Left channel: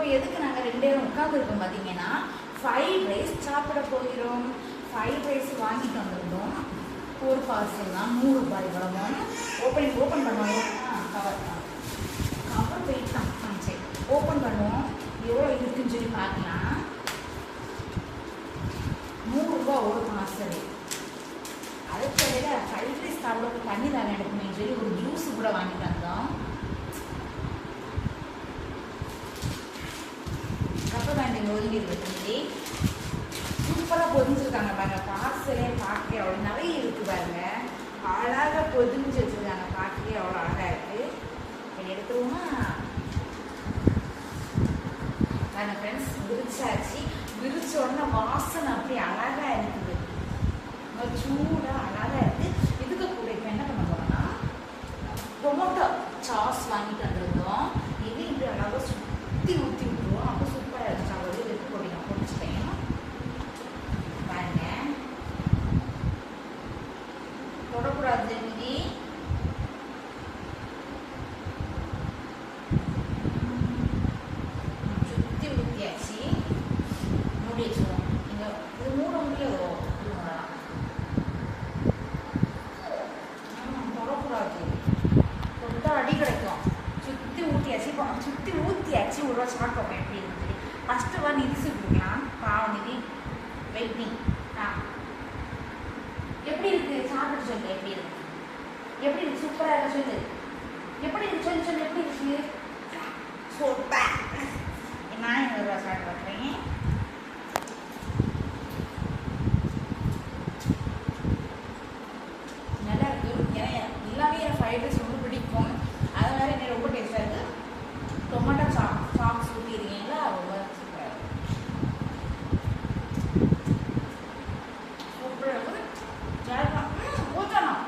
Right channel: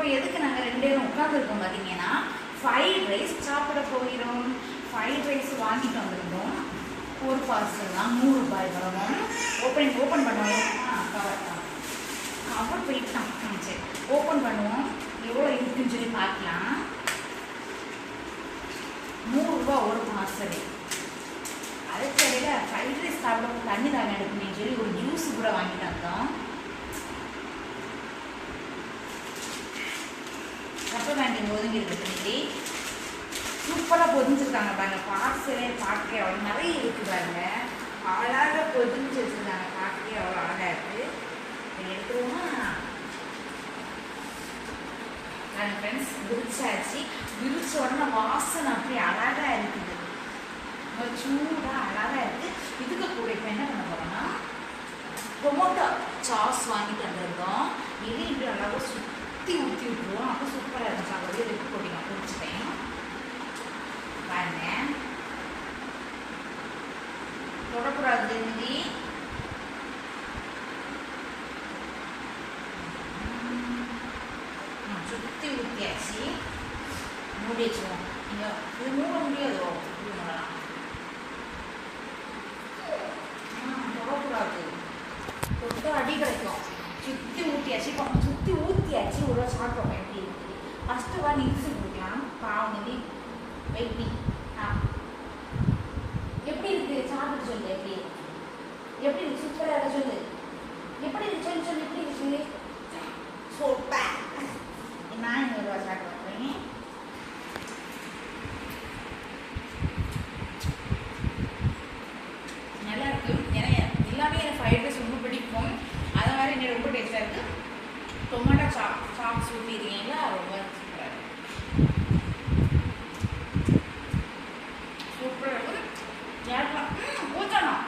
இப்போ எதுக்கு நாங்கள் ரெண்டு பேரும் உட்காந்துருக்கோம் பார்த்தீங்கன்னா ஃப்ரைட் ரைஸ் சாப்பிட போகிறோம். ஃப்ரைட் ரைஸ் வாங்கிட்டு வந்திருந்தோம் ஒரு பார்சல் தான். நூறு ரூபாய் வரவும் ஓப்பன் ஓப்பன் பண்ணுவோம். கவர் தான். கவர் போயிட்டு தான். சரி. ஓப்பன் பண்ணுவோம். எவ்வளோ இருக்குன்னு சொல்லி பார்க்கலாம். நூறுரூபா ஒரு பார்சல் அதை தவிர ஃப்ரைட் ரைஸ் சாப்பிட தண்ணி தாங்க எடுக்குமே சொல்லி ஒரு ஜூஸ் கூட வாங்கிட்டு வந்தோம். ரப்பர் பேண்ட் ஒதுங்கி இருக்கு சூப்பராக பொதிஞ்சிருக்காங்க பாருங்க. பார்சலே பார்க்கவே அவ்வளோ நிறைய இருக்குது பாருங்க. அழகாக பொதிஞ்சு வச்சிருக்காங்க. பார்க்கவே அவ்வளோ அழகாக இருக்குது இதை எடுத்துருவோமா? பாருங்க ஃப்ரெண்ட்ஸ் விரிச்சாச்சு. விரிச்ச உடனே வாசனை அப்படியே அழகாக இருக்குது ரொம்ப சூடாக அழகாக இருக்குது இதுக்கு கூட இப்போ என்ன பண்ண போகிறோம்னா டொமோட்டோ சாஸ் வாங்கிட்டு வந்திருந்தோம் இது இப்படி அழகாக சுற்றி ஊற்றி விட்டுருவோம் அப்போ சூப்பராக இருக்கும் சாப்பிடுறது இதுக்கு போட்டு நான் பிடிச்சிட்டேன் பாருங்க தொடக்கூடாது திரும்பி சுற்றி ஊற்றியாச்சு மூடி வச்சுருவோம் நீங்கள் இது மூட முடியாதோ இது மூடலாம் ம், தொடக்கூடாது தொட்டா அடி கிடைக்கும் சுற்றி ஊற்றியாச்சு இப்போ சுற்றி ஊற்றியாச்சு ஒரு வருஷமாக இப்போ எப்படி இருக்குது ஃபஸ்ட்டு வா நிறுத்து கொடுக்கலாம் பாவம் நிதி வெயிட் ஆ எப்படி இருக்குது சாப்பிட்டு சொல்லு எப்படி இருக்கு எப்படி இருக்கு சூப்பராக இருக்க சொல்லு எப்படி இருக்கு சொல்லு சொல்லு எப்படி இருக்கு சூப்பர் நான் இன்னொரு ரூபா சாப்பிட்டு வைக்கிறேன் நல்லா இருக்கு ஏன்னா எல்லாமே எனக்கு ஃப்ரைட் ரைஸ் ரொம்ப பிடிக்கும் அதை வேறு எனக்கு ரொம்ப டேஸ்ட்டாக இருக்குது டொமேட்டோ சாப் சாப்ஸ் ஊற்றிருக்கீங்களா ரொம்ப சூப்பராக இருக்குது சூப்பராக இருக்குது யாருக்கெல்லாம் ஊற்றணும்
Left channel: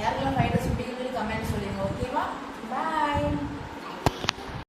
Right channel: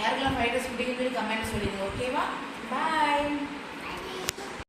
யாருக்கெல்லாம் ஃப்ரைட் ரைஸ் பிடிக்குன்னு சொல்லி கமெண்ட் சொல்லிடுங்க ஓகேவா பாய்